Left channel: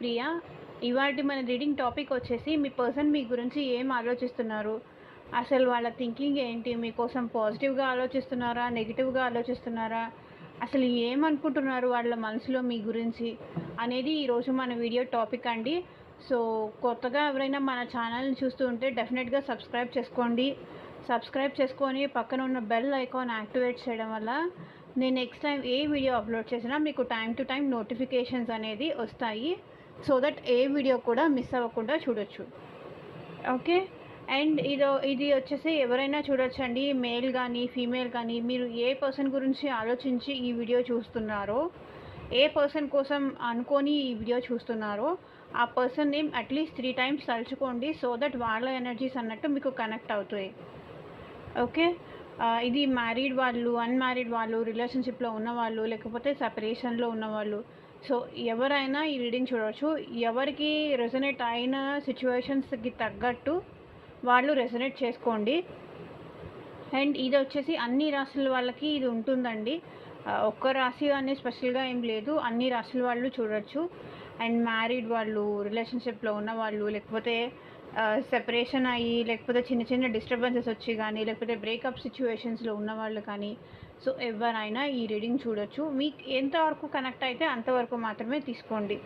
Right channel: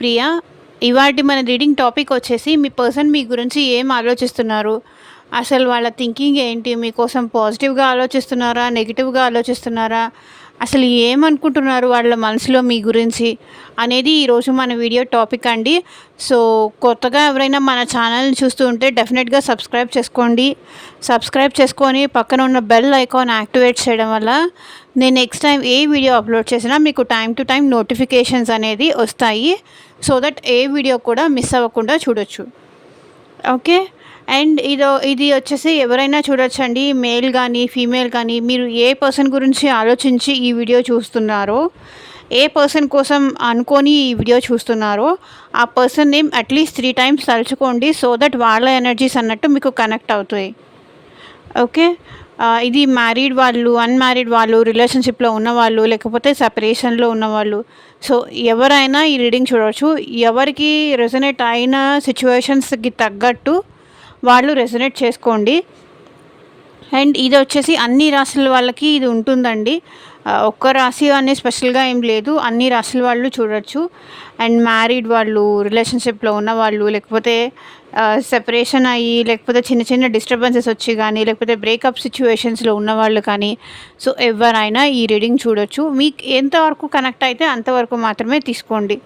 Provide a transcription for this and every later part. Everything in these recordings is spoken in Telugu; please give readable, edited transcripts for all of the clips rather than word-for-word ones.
ప్రియా, ఇవాటి మన రీడింగ్ టాపిక్ వచ్చేసి మీ పర్సన్ మీ గురించి ఏం ఆలోచిస్తున్నారు, అసలు వాళ్ళ థింకింగ్ ఏంటి, మీకోసం పాజిటివ్గా ఆలోచిస్తున్నారా, నెగిటివ్గా ఆలోచిస్తున్నారా, అసలు ఏమనుకుంటున్నారు వాళ్ళ మనసులో మీ గురించి అనేది ఈరోజు మన వీడియో టాపిక్ అండి. సో కొత్తగా ఎవరైనా మన ఛానల్ని చూస్తూ ఉంటే డెఫినెట్గా సబ్స్క్రైబ్ చేసుకోండి. సబ్స్క్రైబ్ చేసుకొని పక్కన ఉన్న బెల్ ఐకాన్ యాక్టివేట్ చేయడం వల్ల నేను నెక్స్ట్ టైం ఏ వీడియో అప్లోడ్ చేసినా మీకు టైం టు టైం నోటిఫికేషన్స్ అనేది వస్తాయి. సో దట్ ఏ వీడియో కూడా మిస్ అవ్వకుండా చూడొచ్చు. ఓకే, అండ్ ఇది వచ్చేసి ఎవరైనా చూడొచ్చండి, మేల్ కానీ ఫీమేల్ కానీ. మీరు ఏ పర్సన్ గురించి ఆలోచించి ఈ వీడియో చూస్తున్నారో, ఏ పర్సన్ కోసం అనుకొని ఈ వీడియో చూస్తున్నారో ఆ పర్సన్ నేమ్ అట్లీస్ట్ 3 టైమ్స్ తలుచుకోండి. సో దట్ వాళ్ళ ఎనర్జీస్ అన్నట్టు మీకు కనెక్ట్ అవుతాయి. ఓకే, ఇది మ్యారీడ్ వాళ్ళు, అన్మ్యారీడ్ వాళ్ళు, రిలేషన్షిప్లో ఉన్నవాళ్ళు, లేకపోతే సెపరేషన్లో ఉన్నవాళ్ళు. సో ఎవరైనా ఈ రీడింగ్ చూడవచ్చు. ఎవరికి రెజొనేట్ అయిన సిచ్యువేషన్స్కి తగ్గట్టు వాళ్ళు రెజొనేట్ చేసుకోండి. అండ్ ఇది వచ్చేసి అన్ని రాశుల వాళ్ళకి ఇది ఉంటుందండి. ఒక్క రాశి అనే స్పెషల్గా ఏం లేదు, అన్ని రాశుల వాళ్ళు చూడొచ్చు. అండ్ మ్యారీడ్ వాళ్ళు, రిలేషన్షిప్లో ఉన్నవాళ్ళు, లేకపోతే సెపరేషన్ అయ్యి, లేకపోతే చిన్న చిన్న డిస్టర్బెన్సెస్ వచ్చి కానీ, లేకపోతే బ్రేకప్ సిచ్యువేషన్స్లో ఉన్నవాళ్ళు కానీ. సో ఎవరైనా ఈ రీడింగ్ చూడొచ్చు. మీకు ఎంతవరకు కనెక్ట్ అయితే అంతవరకు మాత్రమే తీసుకోండి.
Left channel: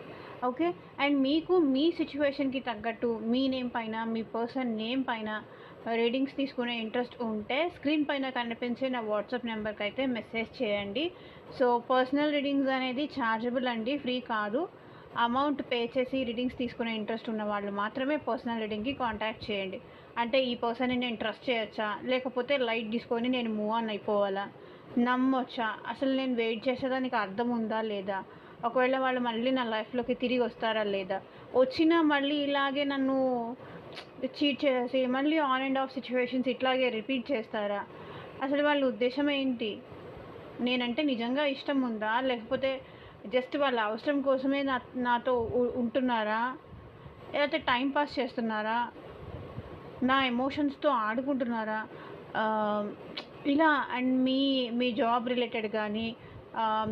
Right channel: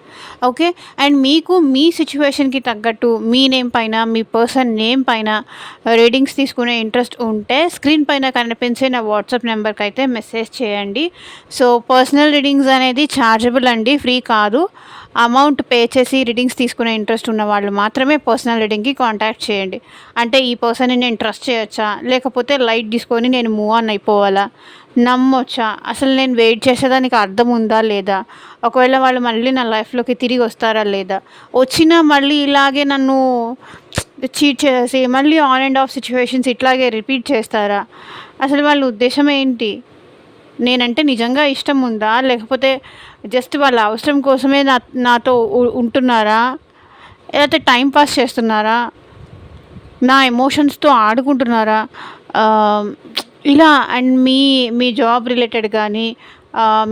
ఓకే, అండ్ మీకు మీ సిచ్యువేషన్కి తగ్గట్టు మీ నేమ్ పైన, మీ పర్సన్ నేమ్ పైన రీడింగ్స్ తీసుకునే ఇంట్రెస్ట్ ఉంటే స్క్రీన్ పైన కనిపించే నా వాట్సాప్ నెంబర్కి అయితే మెసేజ్ చేయండి. సో పర్సనల్ రీడింగ్స్ అనేది ఛార్జబుల్ అండి, ఫ్రీ కాదు. అమౌంట్ పే చేసి రీడింగ్స్ తీసుకునే ఇంట్రెస్ట్ ఉన్న వాళ్ళు మాత్రమే పర్సనల్ రీడింగ్కి కాంటాక్ట్ చేయండి. అంటే ఈ పర్సన్ని నేను ట్రస్ట్ చేయొచ్చా, లేకపోతే లైట్ తీసుకొని నేను మూవ్ ఆన్ అయిపోవాలా, నమ్మొచ్చా, అసలు నేను వెయిట్ చేసేదానికి అర్థం ఉందా లేదా, ఒకవేళ వాళ్ళు మళ్ళీ నా లైఫ్లోకి తిరిగి వస్తారా లేదా, వచ్చినా మళ్ళీ ఇలాగే నన్ను చీట్ చేసి మళ్ళీ ఆన్ అండ్ ఆఫ్ సిచ్యువేషన్స్ ఇట్లాగే రిపీట్ చేస్తారా, అసలు వాళ్ళ ఉద్దేశం ఏంటి, నేనంటే నిజంగా ఇష్టం ఉందా, లేకపోతే జస్ట్ వాళ్ళ అవసరం కోసమే నాతో ఉంటున్నారా, లేకపోతే టైం పాస్ చేస్తున్నారా, నా ఎమోషన్స్తో ఆడుకుంటున్నారా, ఇలా. అండ్ మీ జాబ్ రిలేటెడ్ కానీ,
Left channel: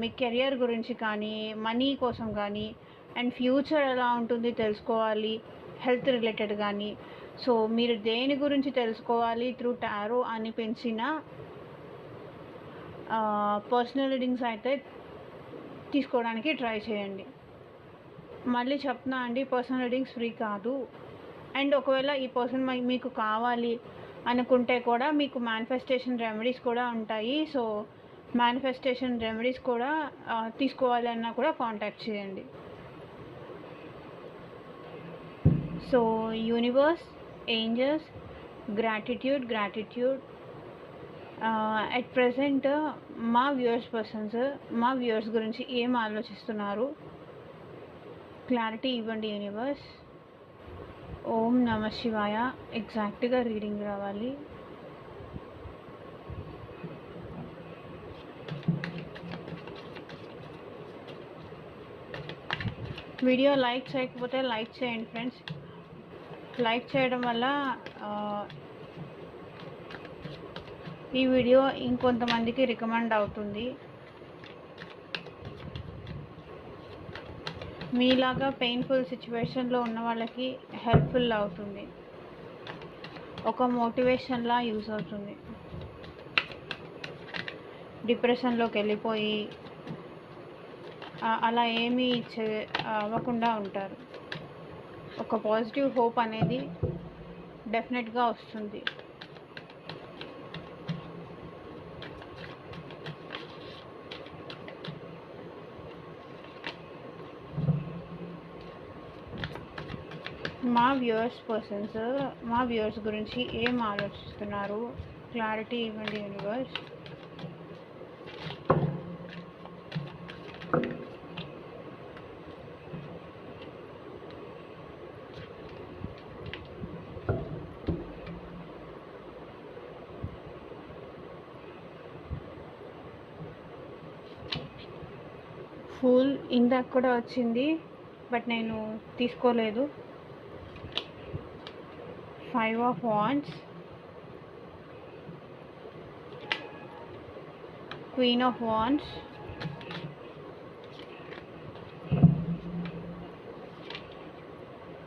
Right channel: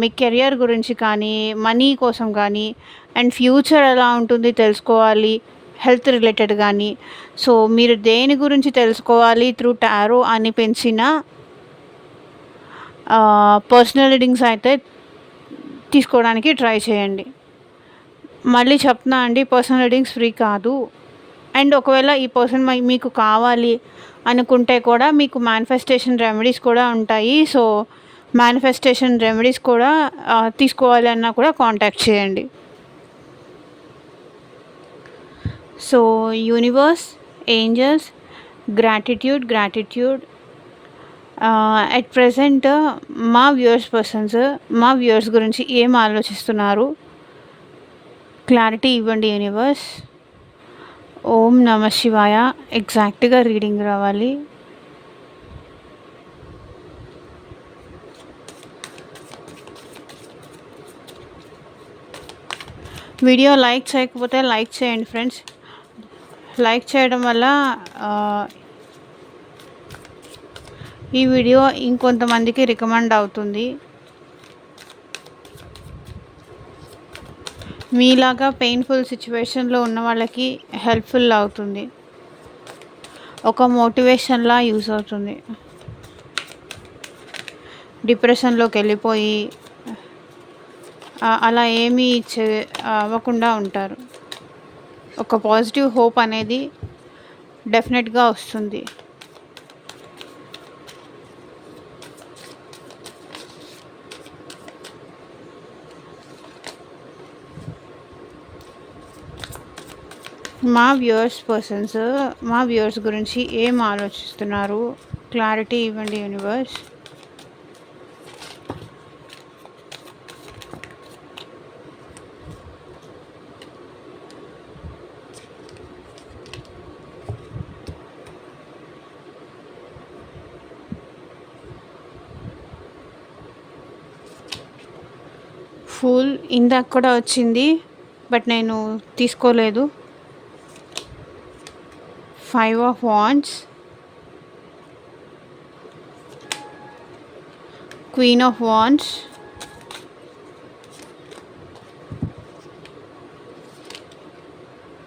మీ కెరియర్ గురించి కానీ, మనీ కోసం కానీ, అండ్ ఫ్యూచర్ ఎలా ఉంటుంది తెలుసుకోవాలి, హెల్త్ రిలేటెడ్ కానీ. సో మీరు దేని గురించి తెలుసుకోవాలి త్రూ టారో అనిపించిన పర్సనల్ రీడింగ్స్ అయితే తీసుకోవడానికి ట్రై చేయండి. మళ్ళీ చెప్తున్నా అండి, పర్సనల్ రీడింగ్స్ ఫ్రీ కాదు. అండ్ ఒకవేళ ఈ పర్సన్ మీకు కావాలి అనుకుంటే కూడా మీకు మేనిఫెస్టేషన్ రెమెడీస్ కూడా ఉంటాయి. సో మేనిఫెస్టేషన్ రెమెడీస్ కూడా తీసుకోవాలి అన్నా కూడా కాంటాక్ట్ చేయండి. So universe, angels, gratitude. At present మా వ్యూవర్స్ గురించి ఏం ఆలోచిస్తున్నారు, క్లారిటీ ఇవ్వండి యూనివర్స్. ఓం నమ శివాయ. ఎగ్జాక్ట్గా రీడింగ్ రావాలి. వీడియో లైక్ చేయకపోతే లైక్ చేయండి ఫ్రెండ్స్. లైక్ చేయడం వల్ల ఈ వీడియో ఇంకొంతమందికి రికమెండ్ అవుతుంది. మీలాగా పెయిన్ఫుల్ సిచ్యువేషన్లో ఉన్న వాళ్ళకి హెల్ప్ఫుల్ అవుతుంది, ఒక మోటివేషన్లా యూస్ అవుతుంది. డిప్రెషన్లోకి వెళ్ళిపోయి అలా ఏమీ అవ్వకుండా ఉంటారు. ఒక పాజిటివ్ హోప్ అనేది డెఫినెట్గా వస్తుంది. మా వ్యూవర్స్ గురించి ఏం ఆలోచిస్తున్నారు, క్లారిటీ ఇవ్వండి యూనివర్స్. ఫుల్ ఇందాక కూడా వచ్చింది, బట్ నేను తీసుకోలేదు. 5 of Wands, Queen of Wands,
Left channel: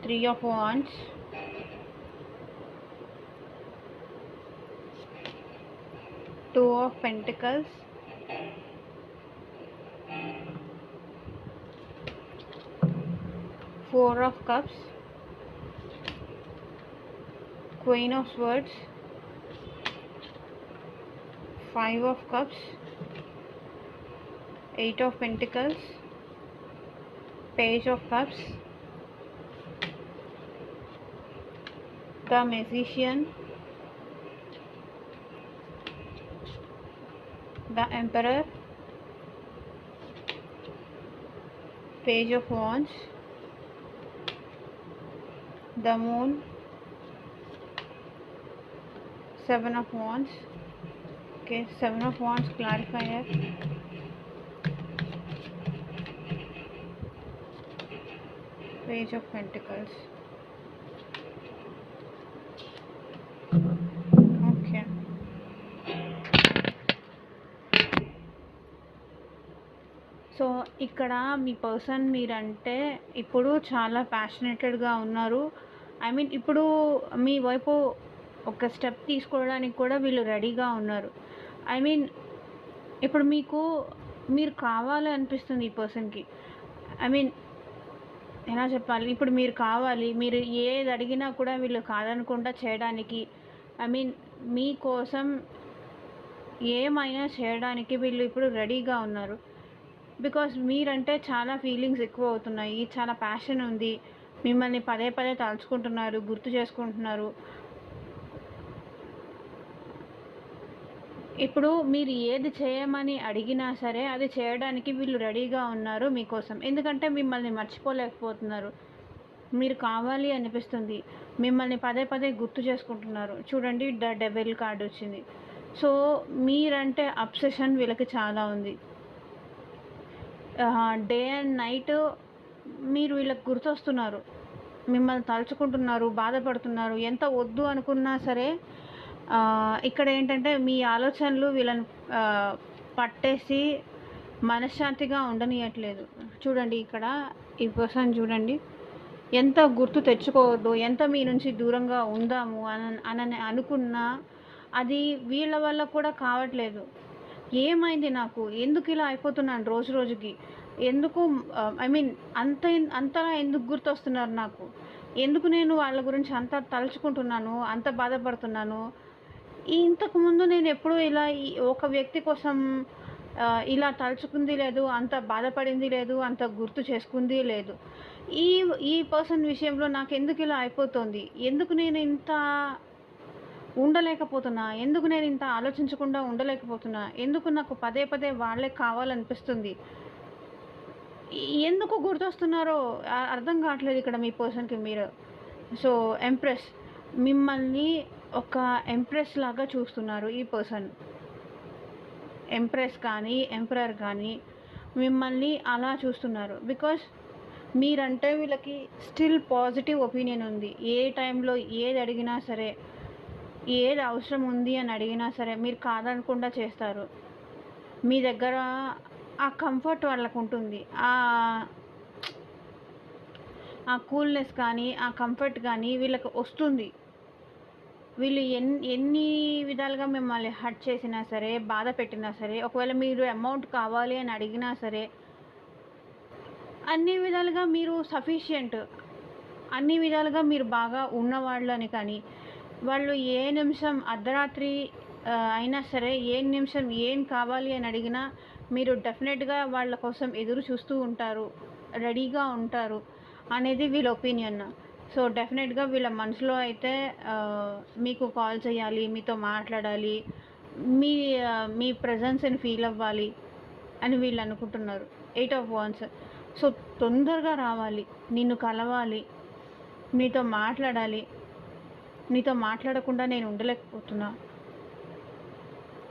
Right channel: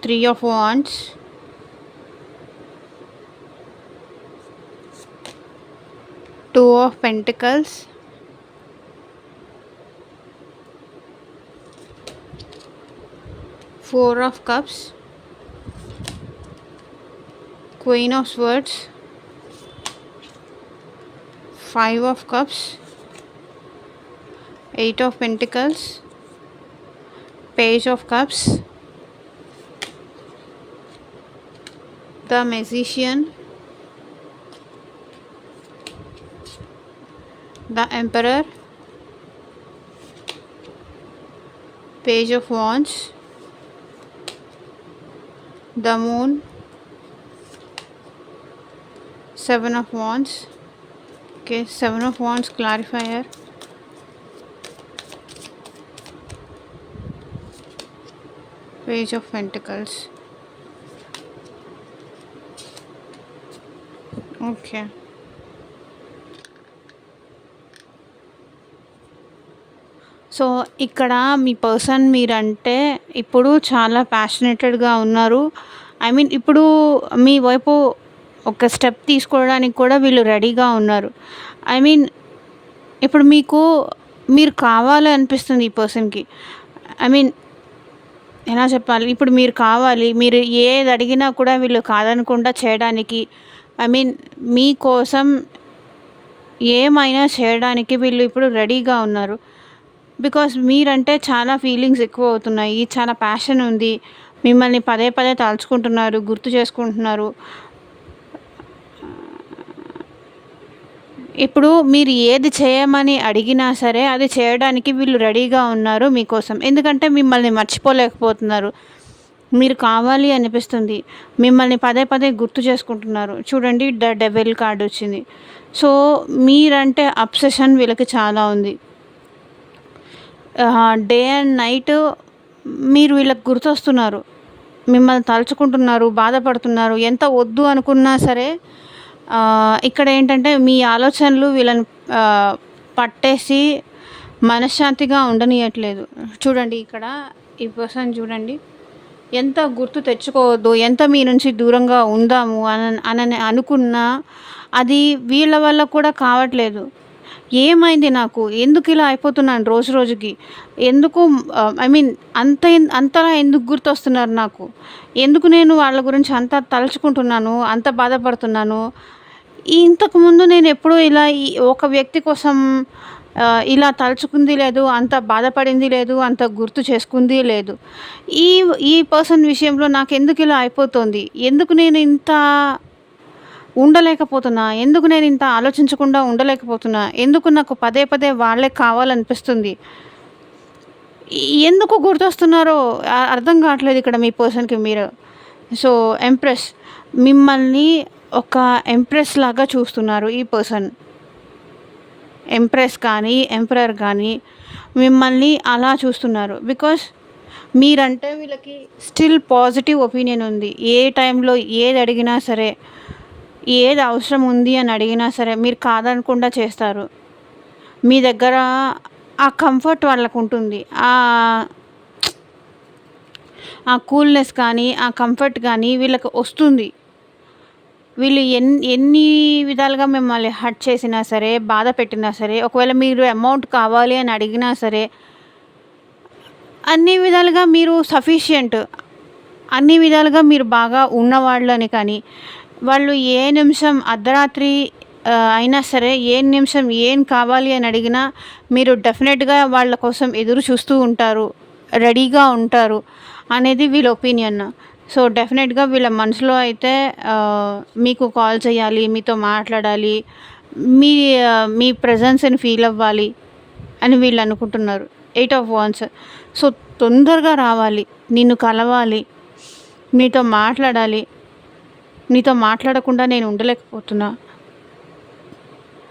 three of wands, two of pentacles, four of cups, queen of swords, five of cups, eight of pentacles, page of cups, the magician, the emperor, page of wands, the moon, seven of wands. Okay, seven of wands clarifier, page of pentacles. Okay, so ఇక్కడ మీ పర్సన్ మీరంటే ఇప్పుడు చాలా ప్యాషనేటెడ్గా ఉన్నారు. ఐ మీన్ ఇప్పుడు మీ వైపు ఒక స్టెప్ తీసుకోవడానికి కూడా వీళ్ళు రెడీగా ఉన్నారు. ఐ మీన్ ఇప్పుడు మీరు కావాలి అనిపిస్తుంది ఈ పర్సన్కి. ఐ మీన్ ఎలా చెప్పాలి, ఇప్పుడు మీరు కావాలి, మీరు ఏది అడిగినా కూడా వీళ్ళు కాదనకుండా చేయడానికి, ఐ మీన్ మీకోసం ఏమైనా చేయడానికి వీళ్ళు ఇప్పుడు రెడీగా ఉన్నారు. బికాస్ మీరంటే చాలా ఫీలింగ్స్ ఎక్కువ అవుతున్నాయి, చాలా ప్యాషన్ ఉంది, మిమ్మల్ని పదే పదే తలుచుకుంటున్నారు, గుర్తు చేసుకుంటున్నారు. ఇప్పుడు మీరు ఏది చేయమని అడిగినా సరే అది చేయడానికి వీళ్ళు రెడీగా ఉన్నారు మీకోసం. ఎందుకంటే మిమ్మల్ని మర్చిపోలేకపోతున్నారు, మీరు కావాలి అనిపిస్తుంది, మిమ్మల్ని పదే పదే గుర్తు చేసుకుంటున్నారు. చూడండి, ద డెవిల్ కార్డ్ వచ్చింది. సో మీరంటే అబ్సెషన్ వీళ్ళకి చాలా ఉంది. డే అండ్ నైట్ మీరు వీళ్ళకి గుర్తొస్తున్నారు, మిమ్మల్ని తలుచుకుంటున్నారు, బాధపడుతున్నారు. ఎంత వద్దు అనుకున్నా సరే ఇక్కడ ఏంటంటే మీ ఆలోచనలు వీళ్ళని పట్టేసి మనశ్శాంతిగా ఉండనియట్లేదు. చూడండి, ఇక్కడ ఈ పర్సన్ చూడండి, ఎంత గుర్తు తెచ్చుకోవద్దు, ఎంత మీ నుంచి దూరంగా ఉందాము అని అనుకున్నా అది వీళ్ళ వల్ల కూడా కావట్లేదు. ఏమైంది నాకు, ఎందుకు ఇలా అయిపోతున్నాను రోజు రోజుకి, ఎందుకు ఐ మీన్ అంతలా ఎందుకు గుర్తొస్తున్నారు నాకు, ఎందుకు నేను వాళ్ళ గురించి అంత తలుచుకుంటున్నాను, అంత బాధపడుతున్నాను. ఇంతకుముందు నేను ఎప్పుడూ ఇలా ఒక వ్యక్తి కోసం ఇలా తలుచుకుంది లేదు, అంత బాధపడింది లేదు, అంత గుర్తు చేసుకుంది లేదు. ఈ ఈ పర్సన్ విషయంలో నాకు ఎందుకు ఇలా అయిపోతుంది, ఎందుకు నేను ఇంత ఉండలేకపోతున్నా, ఎందుకు నేను ఇంత ఆలోచించకుండా ఉండలేకపోతున్నా, ఎందుకు నాకు పదే పదే వాళ్ళే కావాలనిపిస్తుంది, ఎందుకు గుర్తొస్తున్నారో అర్థం కావట్లేదు ఇక్కడ మీ పర్సన్కి మీరు. సో ఎంప్రెస్, మిమ్మల్ని ఒక ఎంప్రెస్ లాగా చూస్తున్నారు ఈ పర్సన్. ఎంప్రెస్ కానీ ఎంపరర్ కానీ మిమ్మల్ని అలా చూస్తున్నారు. బికాస్ మీరంటే వీళ్ళకి స్టిల్ పాజిటివ్ ఒపీనియన్ ఉంది. ఏ టైంలో ఏది అడిగినా సరే, ఏది అవసరం ఉంది అని అడిగినా సరే మీరు కాదనకుండా చేస్తారు. మీ దగ్గర ఆ కంఫర్ట్ వాళ్ళకు ఉంటుంది, ఆ కూల్నెస్ కానీ ఆ కంఫర్ట్ కానీ వీళ్ళకి వస్తుంది. వీళ్ళు ఎన్ని విధాలుగా మిమ్మల్ని హర్ట్ చేసినా సరే, బాధ పెట్టినా సరే, ఒకవేళ మీరు అమౌంట్ కావాలి అని అడిగినా సరే, అన్ని విధాలుగా మీరు సఫిషియంట్, అన్ని విధాలుగా మీరు బాగా ఉన్నవాళ్ళని. కానీ వాళ్ళు ఏ నిమిషం అర్ధరాత్రి అయినా సరే, ఏ నిమిషం ఏం కావాలి అని అడిగినా మీరు డెఫినెట్గా వాళ్ళ కోసం ఎదురు చూస్తూ ఉంటారు, రెడీగా ఉంటారు అనేది వీళ్ళ ఒపీనియన్. సో డెఫినెట్గా వీళ్ళ మనసులో అయితే మీకు కాల్ చేయాలి, మీతో మాట్లాడాలి, మీ మీ ప్రజెన్స్ని ఫీల్ అవ్వాలి అని వీళ్ళు అనుకుంటున్నారు. 8 ఆఫ్ వాండ్స్. సో తొందరగా రావాలి, నిన్ను కలవాలి, నీతో మాట్లాడాలి, నీతో మాట్లాడకుండా నేను ఉండలేకపోతున్నా.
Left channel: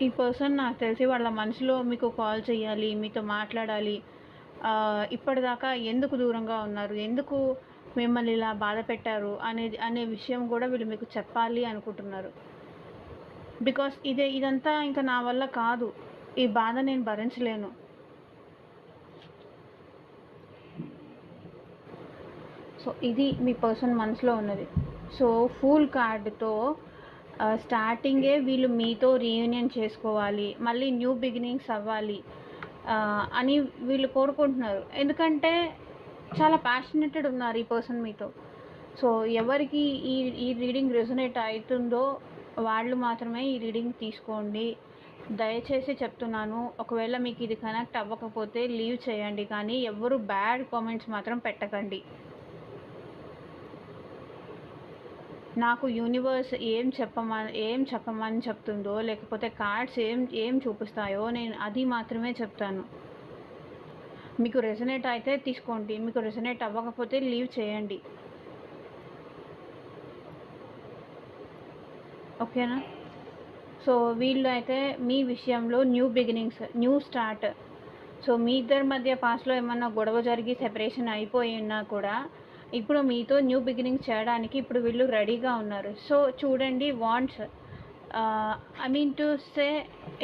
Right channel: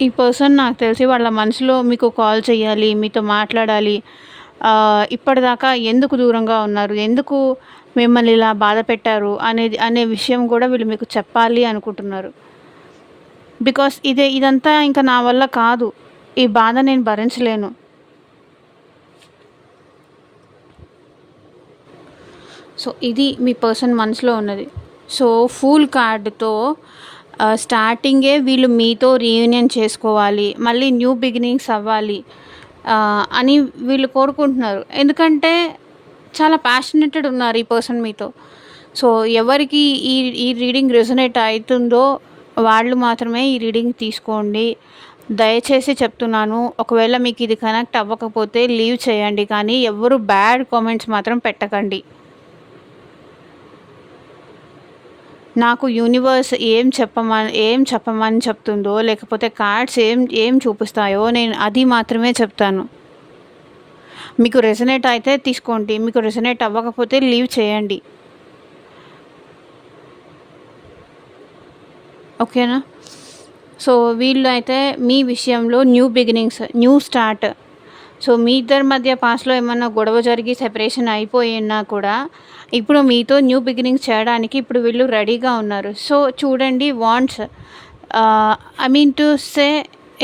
ఈ పర్సన్ నాకు తెలిసి వాళ్ళ మనసులో మీకు కాల్ చేయాలి, మీతో మాట్లాడాలి. ఇప్పటిదాకా ఎందుకు దూరంగా ఉన్నారు, ఎందుకు మిమ్మల్ని ఇలా బాధ పెట్టారు అనే విషయం కూడా వీళ్ళు మీకు చెప్పాలి అనుకుంటున్నారు. బికాస్ ఇదంతా ఇంకా నా వల్ల కాదు, ఈ బాధ నేను భరించలేను. సో ఇది మీ పర్సన్ మనసులో ఉన్నది. సో ఫూల్ కార్డ్‌తో స్టార్టింగే వీళ్ళు మీతో రీయూనియన్ చేసుకోవాలి, మళ్ళీ న్యూ బిగినింగ్స్ అవ్వాలి అని వీళ్ళు కోరుకుంటున్నారు. ఎందుకంటే చాలా ప్యాషనేటెడ్ ఉన్నారు ఈ పర్సన్ మీతో. సో ఎవరికి ఈ ఈ రీడింగ్ రెజొనేట్ అయితుందో వాళ్ళు మాత్రమే ఈ రీడింగ్ తీసుకోండి. దయచేసి చెప్తున్నాను. ఒకవేళ మీకు ఇది కనెక్ట్ అవ్వకపోతే లీవ్ చేయండి. కానీ ఎవ్వరు బ్యాడ్ కామెంట్స్ మాత్రం పెట్టకండి. నాకు యూనివర్స్ ఏం చెప్పమని చెప్తుందో, లేకపోతే కార్డ్స్ ఏం ఏం చూపిస్తాయో నేను అది మాత్రమే చెప్తాను. మీకు రెజొనేట్ అయితే తీసుకోండి. మీకు రెజొనేట్ అవ్వకపోతే లీవ్ చేయండి. ఓకేనా? సో వీళ్ళు అయితే మీ విషయంలో new beginnings, new start. So మీ ఇద్దరి మధ్య పాస్ట్‌లో ఏమన్నా గొడవ జరిగి సెపరేషన్ అయిపోయినా కూడా ఇప్పుడు మీతో న్యూ బిగినింగ్స్ చేయడానికి ఇప్పుడు వీళ్ళు రెడీగా ఉన్నారు. సో చూడండి wants I mean to say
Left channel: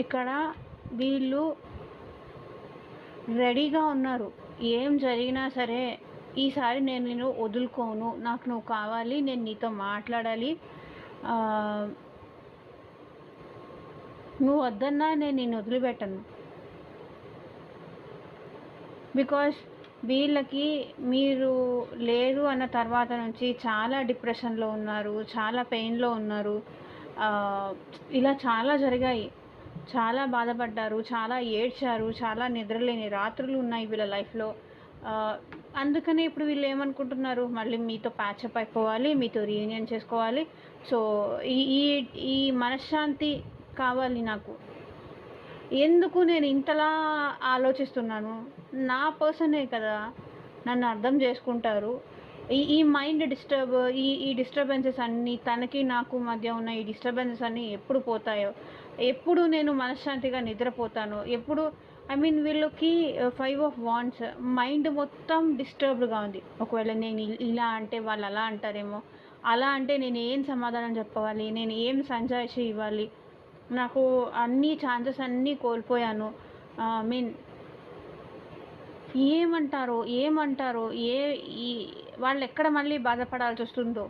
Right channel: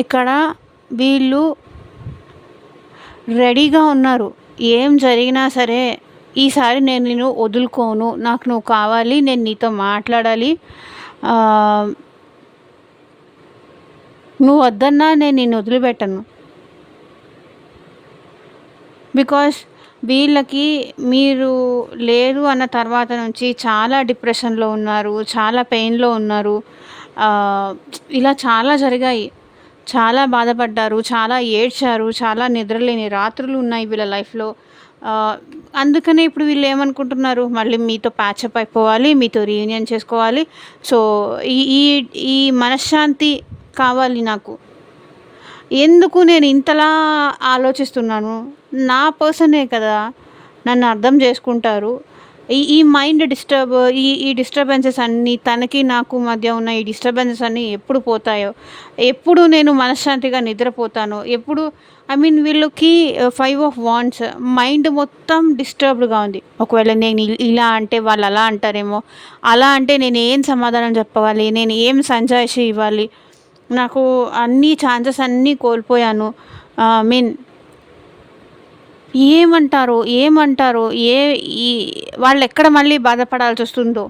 ఇక్కడ వీళ్ళు రెడీగా ఉన్నారు. ఏం జరిగినా సరే ఈసారి నేను నిన్ను వదులుకోను. నాకు నువ్వు కావాలి. నేను నీతో మాట్లాడాలి. నువ్వు వద్దన్నా నేను నిన్ను వదిలిపెట్టను. బికాస్ వీళ్ళకి మీరు లేరు అన్న తర్వాత నుంచి చాలా డిప్రెషన్‌లో ఉన్నారు. చాలా పెయిన్‌లో ఉన్నారు. ఇలా చాలా జరిగాయి. చాలా బాధపడ్డారు. చాలా ఏడ్చారు. చాలా నిద్రలేని రాత్రులు ఉన్నాయి వీళ్ళ లైఫ్‌లో. అందుకనే ఇప్పుడు వీళ్ళు ఏమనుకుంటున్నారు, మళ్ళీ మీతో ప్యాచప్ అయిపోవాలి. మీతో రీయూనియన్ చేసుకోవాలి. సో ఈ ఈ ఈ మనశ్శాంతి కావాలి నాకు. ఎందుకు నేను ఇంతలా ఆలోచిస్తున్నాను? నా పర్సనే కదా! నన్ను అర్థం చేసుకుంటారు. ఈ ఈ మైండ్ డిస్టర్బ్ ఈ ఈ డిస్టర్బెన్సెస్ అన్నీ తనకి నాకు మధ్య ఉన్న ఈ డిస్టర్బెన్సెస్ అన్నీ ఎప్పుడు పోతాయో, ఎప్పుడు నేను మనశ్శాంతిగా నిద్రపోతానో, ఎప్పుడు ఐ మీన్ వీళ్ళకి 5 ఆఫ్ వాండ్స్ మైండ్ మొత్తం డిస్టర్బ్డ్‌గా ఉంది. ఒకవేళ నేను ఇలా అంటే వాళ్ళు అలా అంటారేమో, అలా అంటే నేను ఏం సమాధానం చెప్పాలి? నేను ఏం సంజాయిషీ ఇవ్వాలి? నాకు అన్ని ఛాన్సెస్ అన్నీ కోల్పోయాను. మీన్ ఏమంటారో ఏ ఈ వాళ్ళెక్కడ మళ్ళీ బాధపడాల్సి వస్తుందో.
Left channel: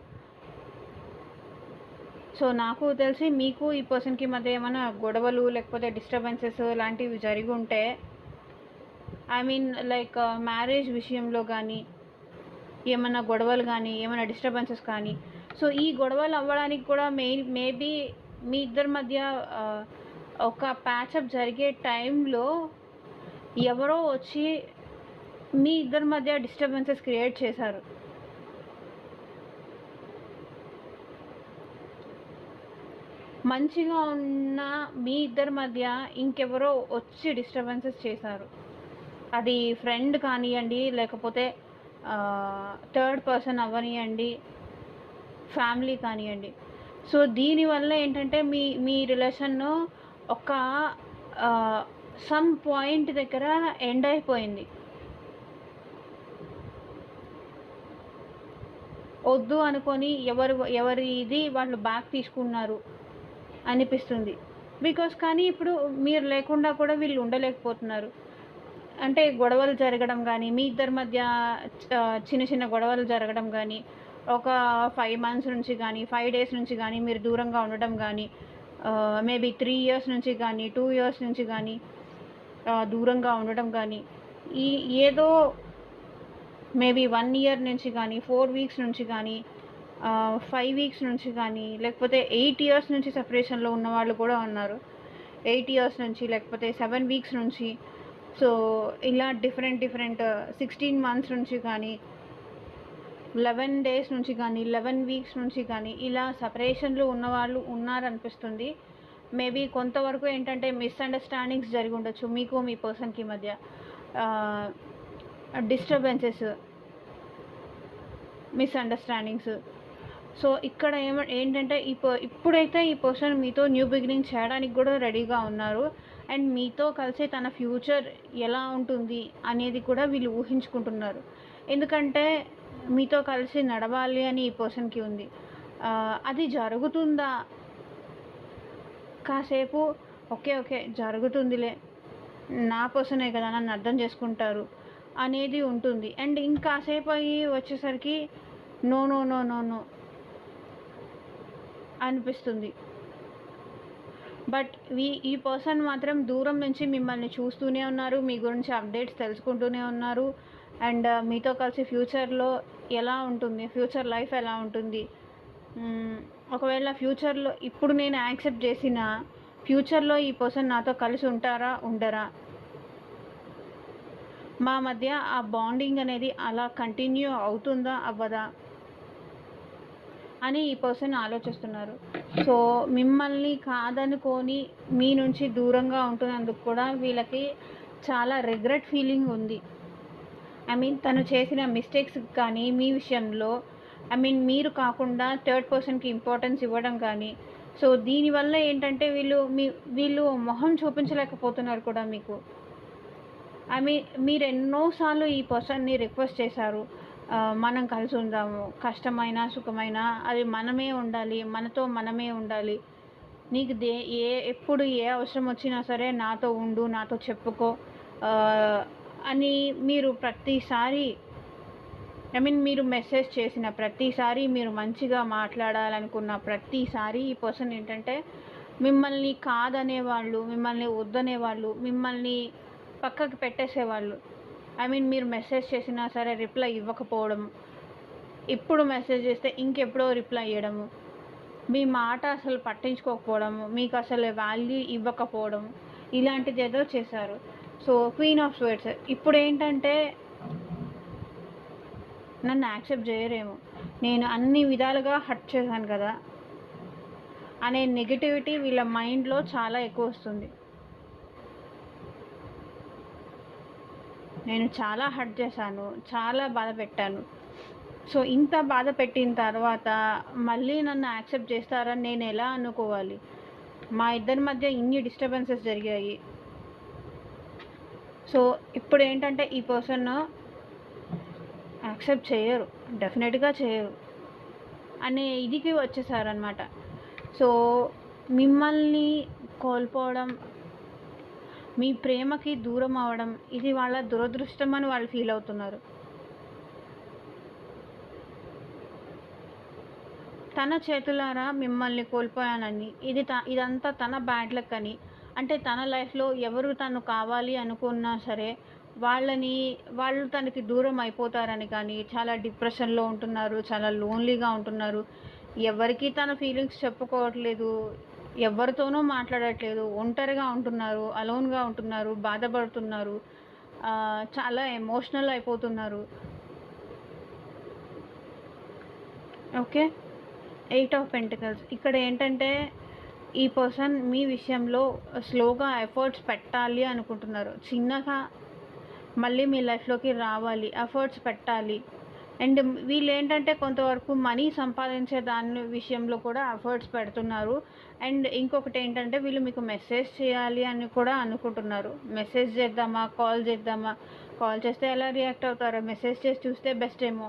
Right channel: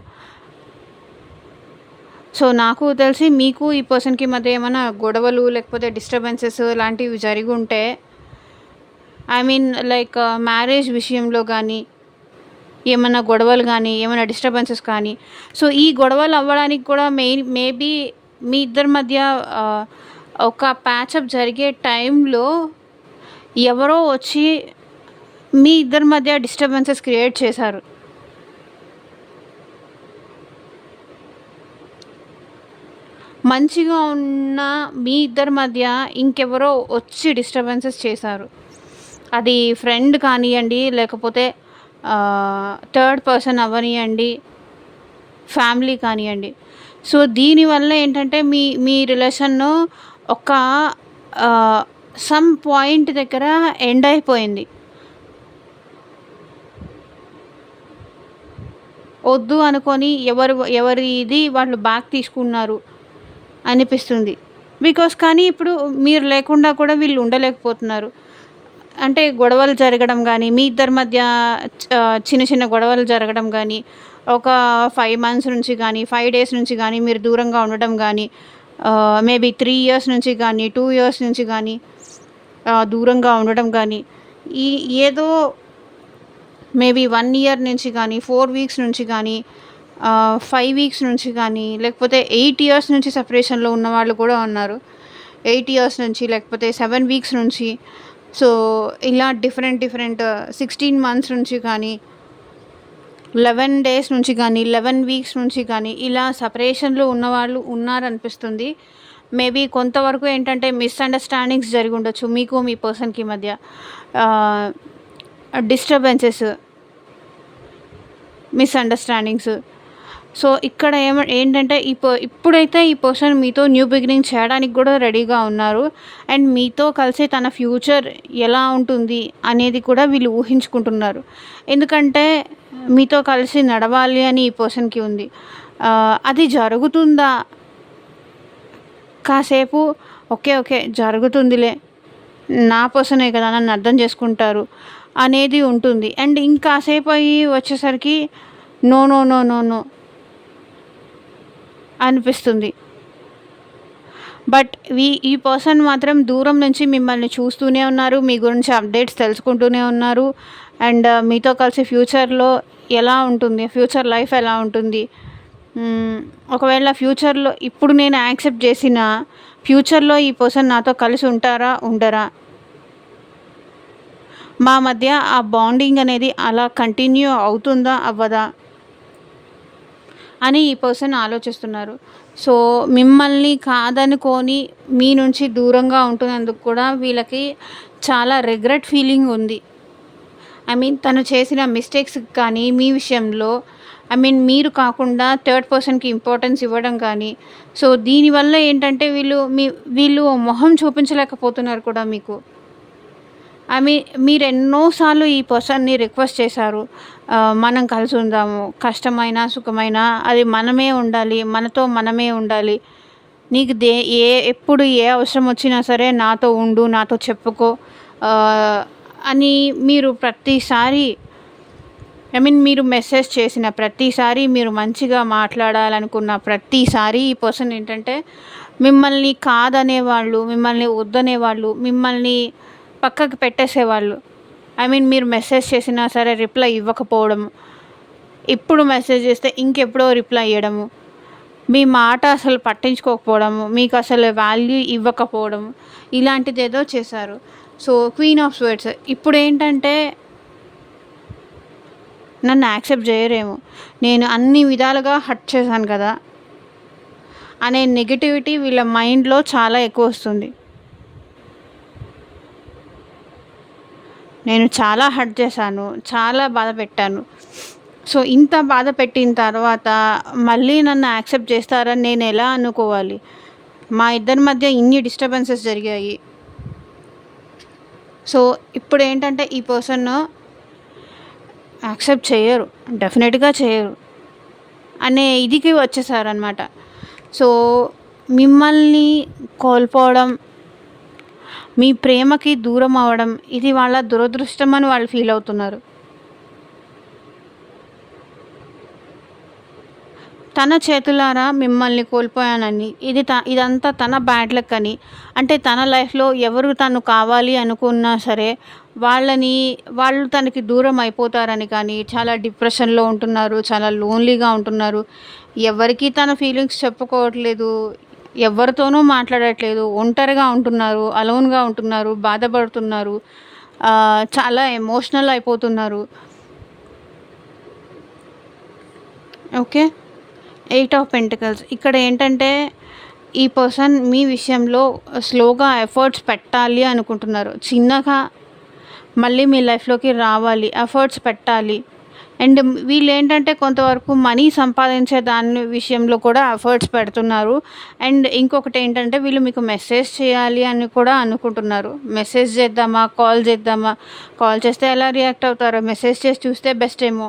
సో నాకు తెలిసి మీకు ఈ పర్సన్‌కి మధ్య ఏమైనా గొడవలు లేకపోతే డిస్టర్బెన్సెస్ లాంటివి జరిగుంటే ఐ మీన్ లైక్ మ్యారేజ్ విషయంలో కానీ, ఏమన్నా గొడవలు కానీ, ఏమైనా డిస్టర్బెన్సెస్ కానీ, సో ఈ గొడవలు అవ్వడానికి కూడా మేబీ మీ ఇద్దరి మధ్య ఒక ప్యాచప్ జరిగే టైంలో ఎవరో వచ్చి మీ ఇద్దరి మధ్య డిస్టర్బెన్సెస్ క్రియేట్ చేశారు. మంచిగా ఉన్న మీ ఇద్దరి మధ్య ఇంకెవరో వచ్చి డిస్టర్బెన్సెస్ చేశారు. అది ఫ్రెండ్ కానియ్యండి, లేకపోతే థర్డ్ పర్సన్ అవ్వనియండి, ఫ్యామిలీ కానియ్యండి. సో దీనివల్ల ఏంటంటే మీ మీ రిలేషన్ను ఒక సమ్ పాయింట్ దగ్గర ఎండ్ అయిపోయింది. వద్దు అనుకొని ఎవరిది వాళ్ళు బ్యాక్ తీసుకున్నారు అనిపిస్తుంది. బికాస్ కానీ ఇప్పుడు మీరు లేకుండా కూడా వీళ్ళు ఉండలేకపోతున్నారు. అంటే గొడవలు జరగడం గానీ, మీ ఇద్దరి మధ్య చిన్న చిన్న గొడవలు జరగడం గానీ, ఒక 5 మంత్స్ నుంచి గానీ, 5 డేస్ నుంచి గానీ మీరు దూరంగా ఉండడం గానీ, మేబీ 3 ఇయర్స్ నుంచి గానీ, 2 ఇయర్స్ నుంచి గానీ దూరంగా ఉండడం గానీ, ఏదో మేబీ 1 ఇయర్ నుంచి కానీ, 4 వీక్స్ నుంచి కానీ, 5 వీక్స్ నుంచి కానీ, లేకపోతే 8 ఇయర్స్ నుంచి సెపరేషన్‌లో ఉన్నవాళ్ళు కూడా ఉన్నారు. 8 ఇయర్స్ నుంచి, లేకపోతే 7 వీక్స్ నుంచి. సో ఇలా డిఫరెంట్ 16 మంత్స్ నుంచి కానీ, 11 డేస్ నుంచి కానీ, 11 వీక్స్ నుంచి కానీ ఇలా సెపరేషన్‌లో ఉన్నవాళ్ళు ఉన్నారనిపిస్తుంది. మేబీ కొంతవరకు ఏంటంటే మిస్‌అండర్‌స్టాండింగ్స్ జరిగుండొచ్చు మీకు, మీ పర్సన్‌కి మధ్య. Disturbances, misunderstandings. సో ఇక్కడ ఏంటంటే ఇప్పుడైతే ఈ పర్సన్ మీతో న్యూ బిగినింగ్ చేయడానికి కూడా రెడీగా ఉన్నారు. అండ్ మీతో కలిసి తన ఫ్యూచర్ ఎలా ఉంటుంది అనేది కూడా వీళ్ళు ఊహించుకుంటున్నారు. ఎందుకంటే మీతో కలిసి నడవాలి అని ఈ పర్సన్‌కి ఉంది. అది జరుగుతుందా? కాసేపు ఓకే జరుగుతుందిలే, నా పర్సనే కదా, నన్ను అర్థం చేసుకుంటారు అనేది ఉంటుంది. అండ్ ఇంకాసేపు అయ్యి వచ్చేసరికి no, no, no, no, no అనిపిస్తుంది. బట్ ఈ పర్సన్ మాత్రం దూరం నుంచి మిమ్మల్ని చూస్తూనే ఉన్నారు. మీ గురించి అప్డేట్స్ తెలుసుకుంటూనే ఉన్నారు. అండ్ మీతో కలిసి ఫ్యూచర్‌లో ఎలా ఉంటుంది? ఫ్యూచర్ లైఫ్ ఎలా ఉంటుంది? ఒకవేళ ఫ్యూచర్‌లో ఇప్పుడు నేను యాక్సెప్ట్ చేసినా, ఫ్యూచర్‌లో ఈ పర్సన్ నాతో కలిసి ఉంటారా? ఉండరా? మా మధ్య ఆ బాండింగ్ అనేది అలా కంటిన్యూ అవుతుందా? అవ్వదా? అని ఈ పర్సన్ ఆలోచిస్తున్నారు. సో, మిమ్మల్ని కాదనుకోని మీ నుంచి దూరంగా ఉంటున్నందుకు కూడా వీళ్ళకి చాలా రిగ్రెట్ ఫీలింగ్ ఉంది. ఐ మీన్ తను చేసిన మిస్టేక్స్‌కి కానీ, మీ విషయంలో ఐ మీన్ మీరు కాకుండా థర్డ్ పర్సన్‌కి ఇంపార్టెన్స్ ఇవ్వడం కానీ, సో దీనివల్ల ఏంటంటే వీళ్ళు మొహం చూపించలేకపోతున్నారు కూడా మీకు. ఐ మీన్ మీరెన్నో సార్లు ఈ పర్సన్‌ని రిక్వెస్ట్ చేశారు. మనం కలిసి ఉందాము. కష్టమైనా, సుఖమైనా అది మనమే ఉండాలి. మనతో మనమే ఉండాలి. నీకు ఎప్పుడు ఏ అవసరం వచ్చినా సరే నాతో ఉండు, నాతో చెప్పుకో ఆహ్, అని మీరు ప్రతిసారి ఐ మీన్ మీరు మెసేజ్ చేసిన ప్రతిసారి, మీరు మంచిగా మాట్లాడాలనుకున్న ప్రతిసారి ఈ పర్సన్ ఏంటంటే మిమ్మల్ని కాదనేవాళ్ళు, మిమ్మల్ని వద్దనేవాళ్ళు, మిమ్మల్ని పక్కకు పెట్టేసేవాళ్ళు. ఐ మీన్ మీరు మెసేజ్ చేసినా సరే రిప్లై ఇవ్వకపోవడం, ఇప్పుడు మెసేజ్ చేస్తే ఇంకెప్పుడో రిప్లై ఇయ్యడము, మీ మాట అసలు పట్టించుకోకపోవడము, మీకు అసలు వాల్యూ ఇవ్వకపోవడం, ఇలాంటిదేదో చేశారు. సో, క్వీన్ ఆఫ్ స్వర్డ్స్ ఇప్పుడేంటంటే నన్ను యాక్సెప్ట్ చేయరేమో, నేను అన్ని విధాలుగా హర్ట్ చేశాను కదా అనే నెగటివిటీ వీళ్ళ మైండ్‌లో చాలా ఎక్కువొస్తుంది. నేను చాలా హర్ట్ చేశాను. చాలా బాధ పెట్టాను. సో, ఇంత బాధ పెట్టిన తర్వాత మళ్ళీ నన్ను యాక్సెప్ట్ చేస్తారని నేనెలా అనుకోవాలి? మా ఇద్దరి మధ్య ఇన్ని డిస్టర్బెన్సెస్ జరిగాయి. సో, ఇప్పుడేంటంటే ఈ పర్సన్ యాక్సెప్ట్ చెయ్యరు. డెఫినెట్‌గా చెయ్యరు. అనే ఇదికి వచ్చేసారనమాట. సో, మిమ్మల్ని కోల్పోవడం, మీ ప్రేమకి దూరం అవ్వడం ఇది వాళ్ళ దురదృష్టం అని వాళ్ళు ఫీల్ అవుతున్నారు. తన చేతులారా మిమ్మల్ని కోల్పోయానని, ఇదంతా తన బ్యాడ్ లక్ అని, అంటే తన లైఫ్‌లో ఎవరు తను కావాలి అనుకున్నా సరే వాళ్ళు తనకి దూరం అయిపోతారని కానీ, చాలా డిప్రెషన్‌లో ఉంటున్నారు, చాలా లోన్‌లీగా ఉంటున్నారు. ఎవరికీ తన ఫీలింగ్స్ చెప్పుకోవట్లేదు. ఎవరితోనూ మాట్లాడట్లేదు. ఒంటరిగా ఉంటున్నారు. అలోన్‌గా ఉంటున్నారు. బాధపడుతున్నారు. చాలా ఎమోషనల్ అయిపోతున్నారు. ఓకే. 8 ఆఫ్ పెంటికల్స్ ఇక్కడ ఏంటంటే ఈ పర్సన్ మీ విషయంలో స్లోగా ఎఫర్ట్స్ పెట్టాలి అనుకుంటున్నారు. చిన్నగా మళ్ళీ మీ లైఫ్‌లోకి రావాలి. ఎఫర్ట్స్ పెట్టాలి. అండ్ వీళ్ళేంటంటే కొంతవరకు మనీ సంపాదించే దాని విషయంలో కూడా ఎఫర్ట్స్ పెడుతున్నారు. అండ్ ఇంకొకటేంటంటే వీళ్ళు మీకు మెసేజ్ చేయాలి అని కూడా అనుకుంటున్నారు. మెసేజ్ చేద్దామా? కాల్ చేద్దామా? కాల్ చేస్తే ఎలా రియాక్ట్ అవుతారో, మెసేజ్ చేసి చూస్తే బెస్ట్ ఏమో.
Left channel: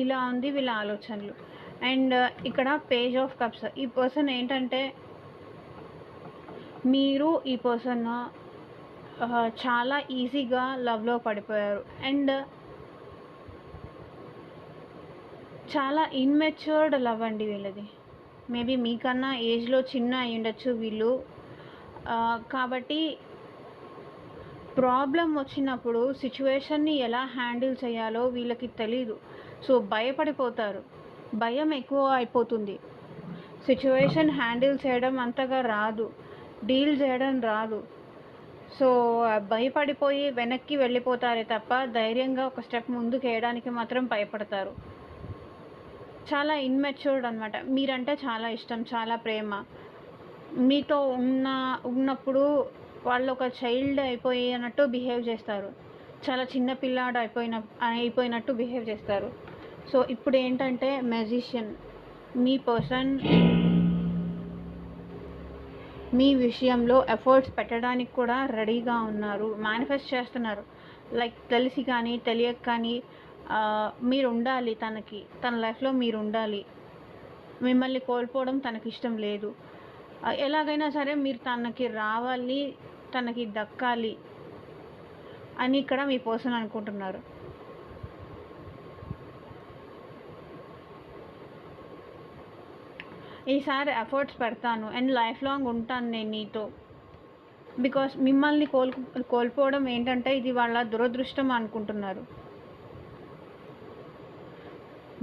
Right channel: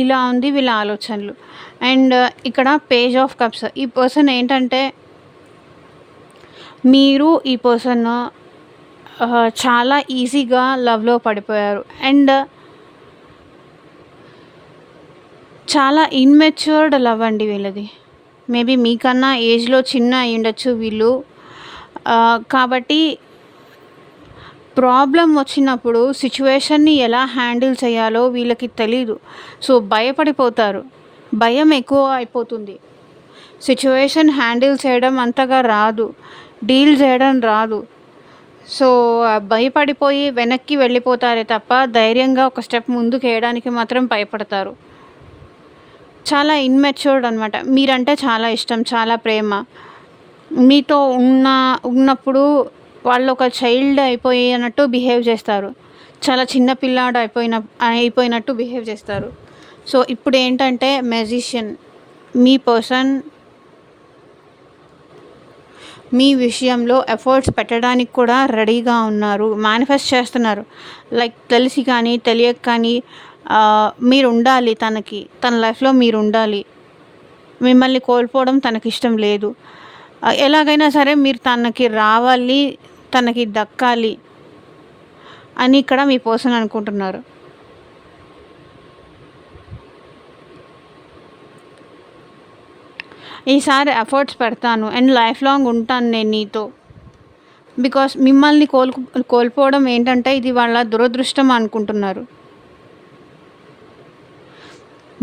ఇలా ఉంది వీళ్ళ ఆలోచనలు. అండ్ ఇక్కడ పేజ్ ఆఫ్ కప్స్ ఈ పర్సన్ ఏంటంటే మీరు ఈ పర్సన్ చాలా ఈజీగా లవ్‌లో పడిపోయారు. అండ్ చాలా ఇమ్మెచ్యూర్డ్ లవ్ అండి వీళ్ళది. మేబీ మీకన్నా ఏజ్‌లో చిన్న అయ్యుండొచ్చు వీళ్ళు. కాబట్టి ప్రాబ్లమ్ వచ్చినప్పుడు సిచ్యువేషన్‌ని ఎలా హ్యాండిల్ చేయాలో వీళ్ళకి తెలీదు. సో, భయపడిపోతారు. భయం ఎక్కువ అయిపోతుంది. సిచ్యువేషన్ హ్యాండిల్ చేయడం అంతగా రాదు. డీల్ చేయడం రాదు. సో, భయపడిపోయి వెనక్కి వెళ్ళిపోతారే తప్ప ధైర్యంగా ఒక స్టెప్ ముందుకేయడానికి మాత్రం భయపడతారు. చాలా ఇమ్మెచ్యూర్డ్ అనమాట. మీరంటే చాలా ఇష్టం, చాలా ప్రేమ. మీతో ఉన్నప్పుడు వాళ్ళొక చైల్డ్ అయిపోయినట్టు బిహేవ్ చేస్తారు. చాలా చిన్న పిల్లాడు అయిపోయినట్టు బిహేవ్ చేస్తారు. సో, ఇప్పుడేంటంటే మ్యాజిషియన్ మీ పర్సన్ మీ విషయంలో ఎఫర్ట్స్ పెట్టడానికి కూడా రెడీగా ఉన్నారు. మేనిఫెస్ట్ చేస్తున్నారు. లైక్ తెలిసి కానీ, తెలియక కానీ మీరుండాలి తనకి. తన లైఫ్‌లో మీరుండాలి. మిమ్మల్ని కోల్పోవడం తనకిష్టం లేదు. ఎలాగైనా సరే మీరు తనకి రావాలి, తనకి దక్కాలి అని ఇక్కడ మీ పర్సన్ అనుకుంటున్నారు. ఈసారి ఎఫర్ట్స్ పెడతాను అండ్ లైఫ్ లాంగ్ ఉంటాను నేను నీతో. బికాస్ మిమ్మల్ని కోల్పోవడం ఏంటంటే ఇది వాళ్ళ దురదృష్టం అనుకుంటున్నారు.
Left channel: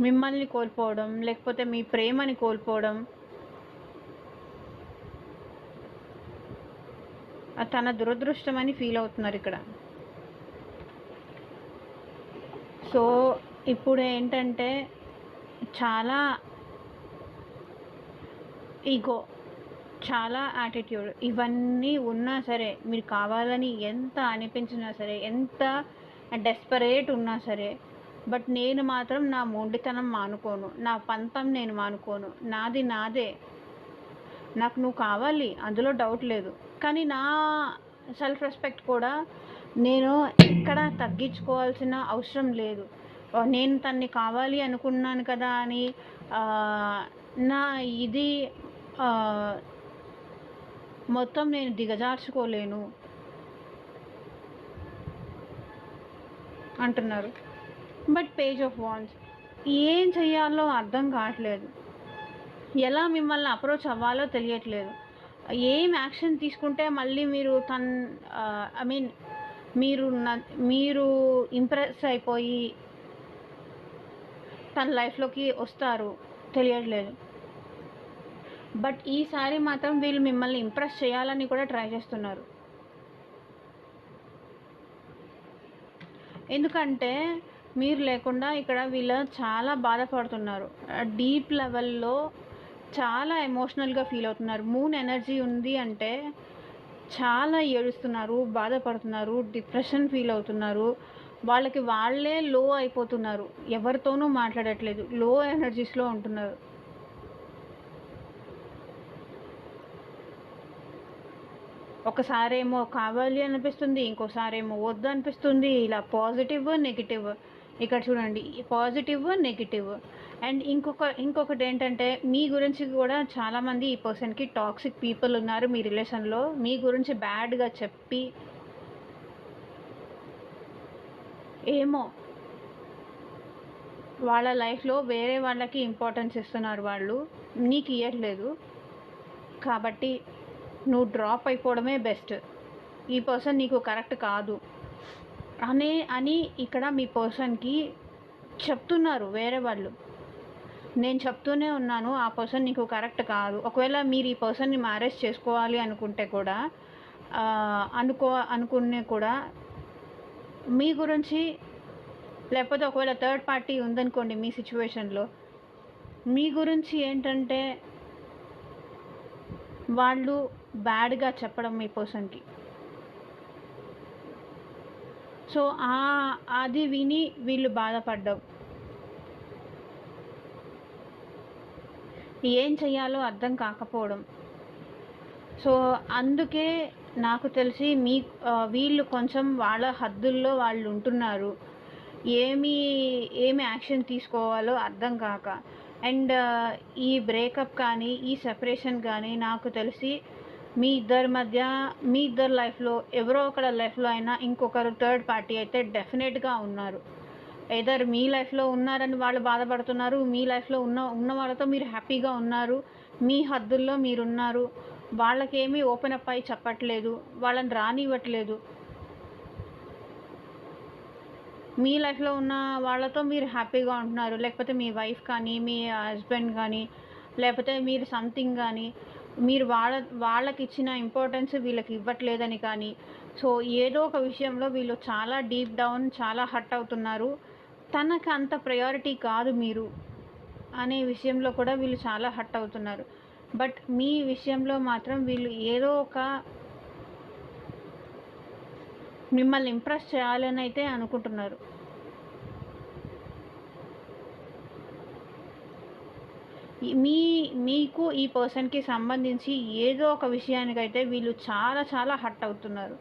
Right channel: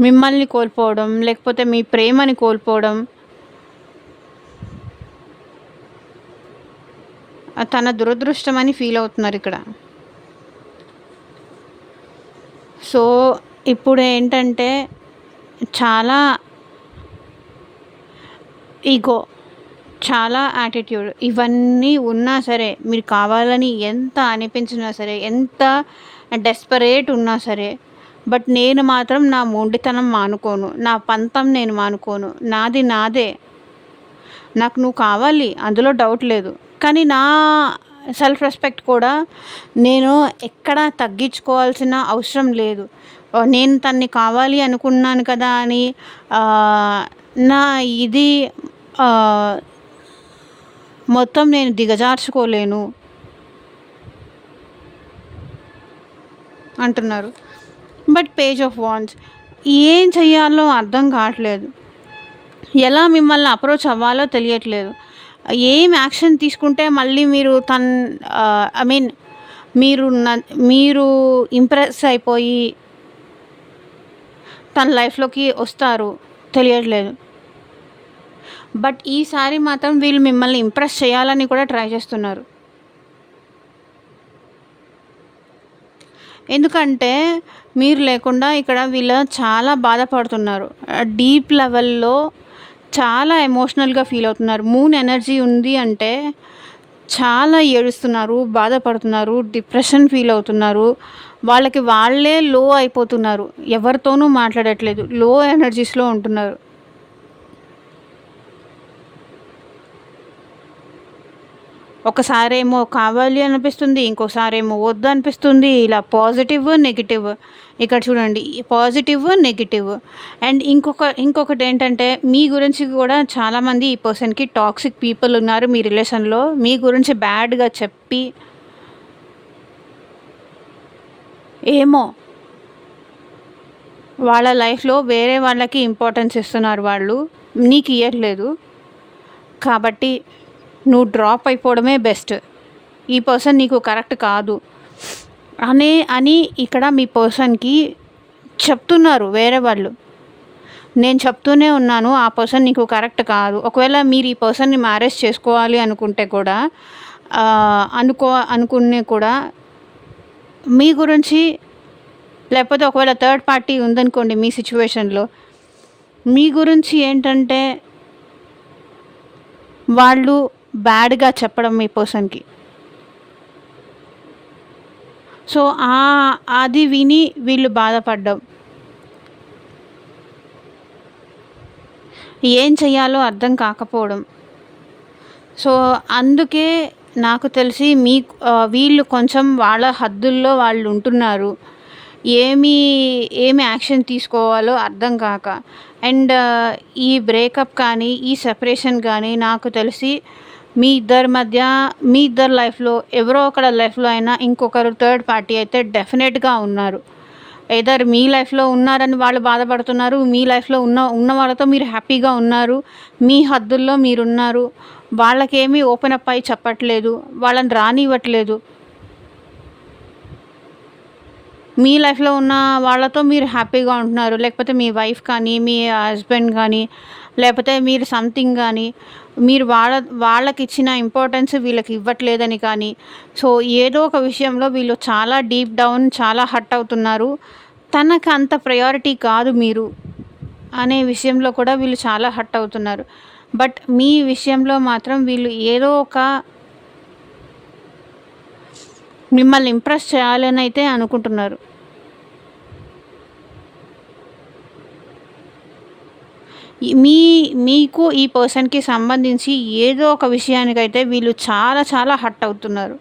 మిమ్మల్ని కోల్పోవడం, లేకపోతే మీ ప్రేమని కోల్పోవడం తన దురదృష్టం అని ఫీల్ అవుతున్నారు ఇక్కడ. సో ఇప్పుడు ఏంటంటే చాలా ఈగో, చాలా యాటిట్యూడ్ ఇవన్నీ ఉన్నా సరే, మీరు కావాలని ఎంత అనిపించినా సరే, ఎంత డెస్పరేట్ ఉన్నా సరే, బట్ నేను మాత్రం నా మొండితనం మానుకోను, నా పంతం నేను మానుకోను, నాది నాదే. నాకు నువ్వు కావాలి, అందులో డౌట్ లేదు. కానీ నా సెల్ఫ్ రెస్పెక్ట్ కూడా నేను ఎక్కడా తగ్గించుకోవాల్సిన అవసరం లేదు. నేను తన్ని కావాలి అనుకున్నాను కదా అని నా ఇది మొత్తం నేను దిగజార్చుకోలేను అంటున్నారు. బట్ పేజ్ ఆఫ్ వాండ్స్ ఏం చెయ్యాలో అర్థం కావట్లేదు. ఎలా మిమ్మల్ని అప్రోచ్ అవ్వాలో తెలియట్లేదు. ఏం యాక్షన్ తీసుకుంటే మళ్ళీ మీరు ఐ మీన్ మీరు ఇంప్రెస్ అయిపోయి తన లైఫ్లోకి వస్తారు తెలియట్లేదు. బట్ ఈసారి మాత్రం వీళ్ళు మిమ్మల్ని ఇంప్రెస్ చేయాలని కూడా ట్రై చేస్తున్నారు. ఎందుకంటే మీరు లేకుండా ఇక్కడ వీళ్ళు చాలా బాధపడుతున్నారు. డీప్ లెవెల్లో చాలా ఎమోషనల్గా ఫీల్ అవుతున్నారు. మూన్ ఎనర్జీ ఉంది అంటే చాలా ఏడుస్తున్నారు, బాధపడుతున్నారు, డిప్రెషన్ ఫీల్ అవుతున్నారు. వాళ్ళకి వాళ్ళే లో అయిపోతున్నారు, ఎవరితోనూ మాట్లాడట్లేదు, లో ఎనర్జీస్లో ఉంటున్నారు. ఒకసారేమో కావాలి అనిపిస్తుంది, ఇంకోసారేమో వద్దు అనిపిస్తుంది. ఇలా పాజిటివ్ నెగిటివ్. ఇక్కడ చూడండి, పాజిటివ్ నెగిటివ్. అండ్ ఇంకొకటి ఏంటంటే మీ గురించి కూడా చాలామంది ఈ పర్సన్కి టాక్సిక్ పీపుల్ ఉన్నారు మీ రిలేషన్లో. మీ గురించి బ్యాడ్గా చెప్పి ఏమో వాళ్ళ లైఫ్లో వేరే వాళ్ళకి ఇంపార్టెన్స్ ఇస్తున్నారు, వాళ్ళు నీకు ఇవ్వట్లేదు. కాబట్టి నువ్వు డ్రాప్ అయిపోవడమే బెస్ట్. ఈ పర్సన్ నీకు కరెక్ట్ కాదు అని ఇక్కడ మీ పర్సన్కి చెప్తున్నారు వేరే వాళ్ళు. నేను చెప్తూనే ఉన్నాను, ఆ పర్సన్ నీకు కరెక్ట్ కాదు. ఒకవేళ మీరు ఈ పర్సన్ని మ్యారేజ్ చేసుకోవాలి అనుకుంటే కూడా అనుకునే కూడా మీ గురించి, లేకపోతే ఒకవేళ థర్డ్ పార్టీ ఉందనుకోండి మీ సిచ్యువేషన్లో, మీ గురించి ఏంటంటే వాళ్ళు బ్యాడ్గా చెప్పడం మీ పర్సన్కి. సో అది విని వీళ్ళు బాధపడ్డం, ఏం చెయ్యాలో అర్థం కాకపోవడం. సో అందుకే నాకు తెలిసి వీళ్ళు కొంచెం వాళ్ళ హద్దుల్లో వాళ్ళు ఉంటున్నారు, ఏమి యాక్షన్ తీసుకోవాలో అర్థం కాక. అండ్ ఈ బ్రేకప్ కానీ ఈ సెపరేషన్ కానీ నాకు తెలిసి మీ ఇద్దరి లైఫ్లో ఎవరో ఒకరి లైఫ్లో అయినా ఇంకొకరు థర్డ్ పార్టీ అయితే డెఫినెట్గా ఉన్నారు. ఎదర్ మీ లైఫ్లో ఉన్నారని వాళ్ళు బాధపడుతున్నారు, మీ లైఫ్లో ఉన్న వాళ్ళతో మీరు హ్యాపీగా ఉన్నారు, మీ హద్దుల్లో మీరున్నారు. వాళ్ళకేమీ ఓపెన్ అప్ అయి చెప్పట్లేదు, వాళ్ళని రానివ్వట్లేదు. మీ లైఫ్లో ఉన్న వాళ్ళతో మీరు హ్యాపీగా ఉంటున్నారు, లేకపోతే మీ వైఫ్ కానీ మీ హస్బెండ్ కానీ, లేకపోతే మీరు సంథింగ్ కానీ, మీరు వాళ్ళకి ఇచ్చిన ఇంపార్టెన్స్ వీళ్ళకి ఇవ్వట్లేదని కానీ. సో ఏదో ఒక విషయంలో వీళ్ళు చాలా డీప్ డౌన్ చాలా హర్ట్ అవుతున్నారు. తనకు అంత ప్రయారిటీ కాదు మీరు అనే విషయంలో కూడా వీళ్ళు చాలా హర్ట్ అవుతున్నారు. బట్ మీ విషయంలో మాత్రం వీళ్ళు ఏదో ఒక మిమ్మల్ని ఇంప్రెస్ చేయాలని అయితే అనుకుంటున్నారు. మీకు ఈ పర్సన్కి సంబంధించి ఏదో ఒక విషయానికైతే వీళ్ళు చాలా చాలా హర్ట్ అవుతున్నారు.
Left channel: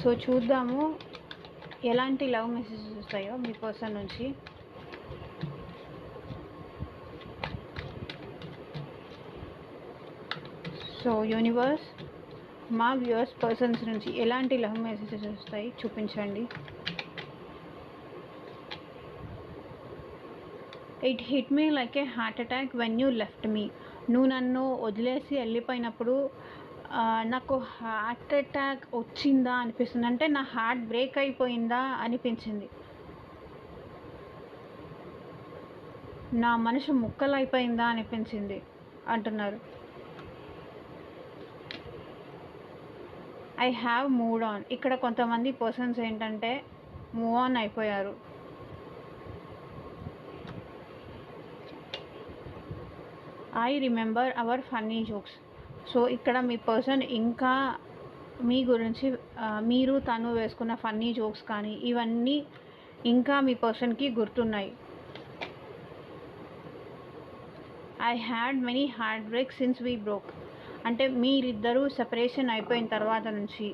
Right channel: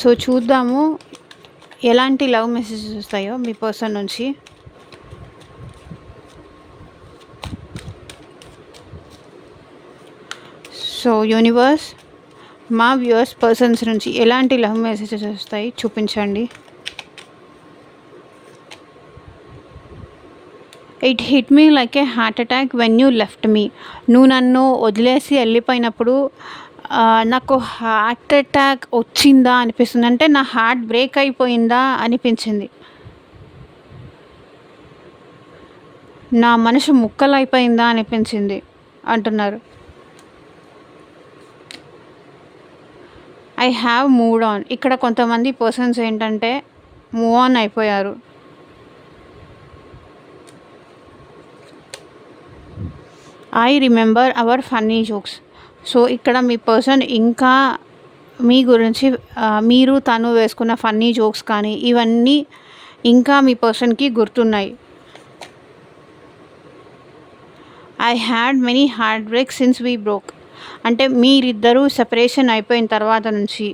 సో చూద్దాము ఎలాంటి లవ్ మెసేజెస్ వస్తాయో మీ పర్సన్ నుంచి. సో యూనివర్స్, మా వ్యూవర్స్ పర్సన్స్ నుంచి ఎలాంటి లవ్ మెసేజెస్ వస్తాయి చూపించండి. It hit me like A heart attack when you left me. నువ్వు నన్ను వదిలేసి వెళ్ళిపోయినప్పుడు నాకు హార్ట్ అటాక్ వచ్చిందా అనిపిస్తుంది. అంటే నా హార్ట్ బ్రేక్ అయిపోయిందా అనిపించింది. నా మనసు ముక్కలైపోయిందా అనిపించింది అంటున్నారు. I have moved on. ఇక్కడ కొంతమంది పర్సన్స్ ఏంటంటే మూవ్ ఆన్ అయిపోయారు. I remember hour funny jokes. So ఇక్కడ మీ పర్సన్ ఇంకా మీ గురించి మీరు తను వేసుకున్న ఫన్నీ జోక్స్ కానీ ఇవన్నీ ఇంకా మీ పర్సన్కి గుర్తున్నాయి. I had many heart breaks since we broke. అంటే మీరిద్దరూ సెపరేషన్ అయిపోయిన తర్వాత నుంచి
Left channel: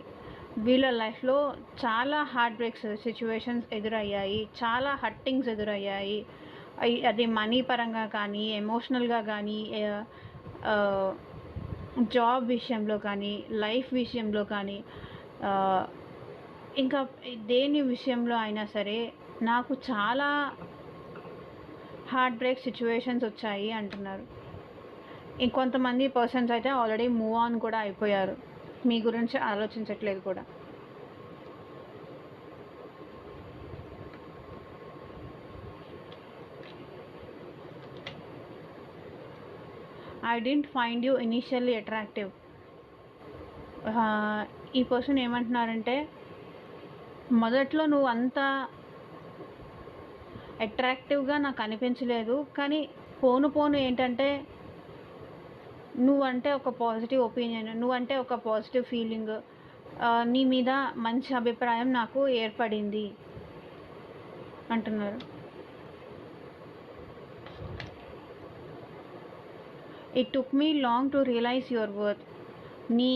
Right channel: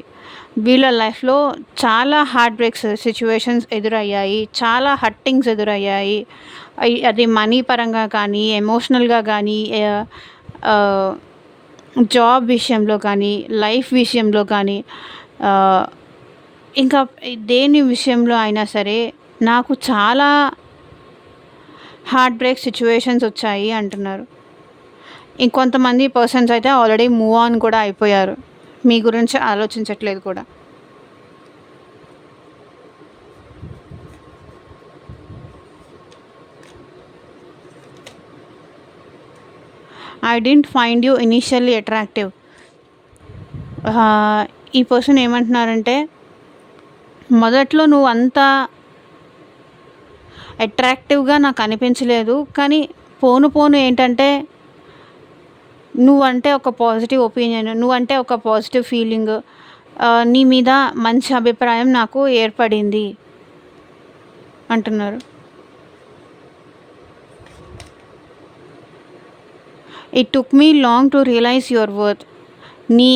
వీళ్ళ లైఫ్లో చాలా హార్ట్ బ్రేక్స్ సిచ్యువేషన్స్ ఎదురయ్యాయి, చాలా హర్టింగ్స్ ఎదురయ్యాయి. అది మనీ పరంగా కానీ, ఎమోషనల్గా కానీ, జాబ్ విషయంలో కానీ, లైఫ్ విషయంలో కానీ, ఇంకా దేని విషయంలో అయినా సరే నాకు చాలా హార్ట్ బ్రేక్ సిచ్యువేషన్స్ వచ్చాయి అంటున్నారు. ఇంకొంతమంది పర్సన్స్ అయితే ఆల్రెడీ మూవ్ ఆన్ కూడా అయిపోయారు, మీ గురించి ఆలోచించట్లేదు కూడా. I didn't find you initially attractive. ఈ పర్సన్ ఏమంటున్నారంటే మొదట్లో నువ్వు అంత అట్రాక్టివ్గా నాకు అనిపించలేదు, కానీ పోను పోను ఏంటంటే నువ్వంటే ఒక పాజిటివ్ ఒపీనియన్, నువ్వంటే ఒక పాజిటివ్ ఫీలింగ్, నీ మీద మంచి అభిప్రాయం నాకు ఏర్పడింది అంటున్నారు. It took me long to realize your worth. నీ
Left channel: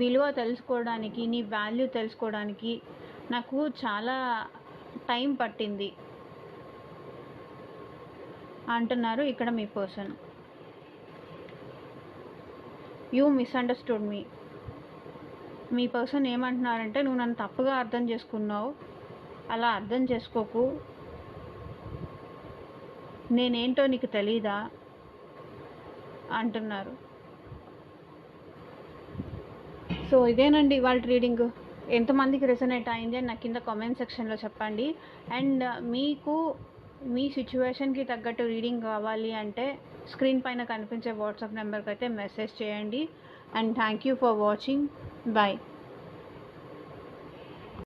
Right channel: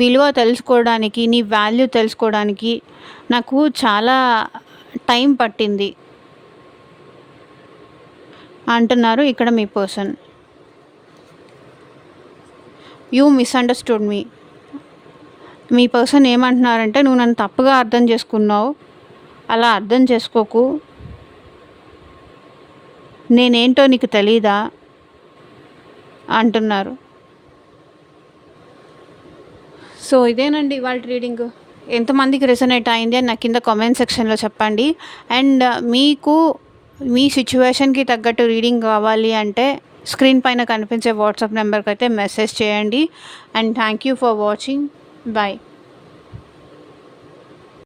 విలువ తెలుసుకోవడానికి, నీ వాల్యూ తెలుసుకోవడానికి నాకు చాలా టైం పట్టింది అంటున్నారు ఇక్కడ మీ పర్సన్. You misunderstood me. మీ పర్సన్ ఏమంటున్నారంటే నువ్వు నన్ను తప్పుగా అర్థం చేసుకున్నావు, అలా అర్థం చేసుకోకు, నేనేంటో నీకు తెలీదా అంటున్నారు. సో ఇదేనండి ఇవాళ రీడింగ్. ఎంతమందికి రెసొనేట్ అయింది అని నాకు కింద కామెంట్ సెక్షన్లో చెప్పండి. అండ్ మీకు మీ సిచ్యువేషన్కి తగ్గట్టు రీడింగ్ కావాలి అంటే స్క్రీన్ పైన కనిపించే వాట్సాప్ నెంబర్కి అయితే మెసేజ్ చేయండి. And thank you for watching. Bye.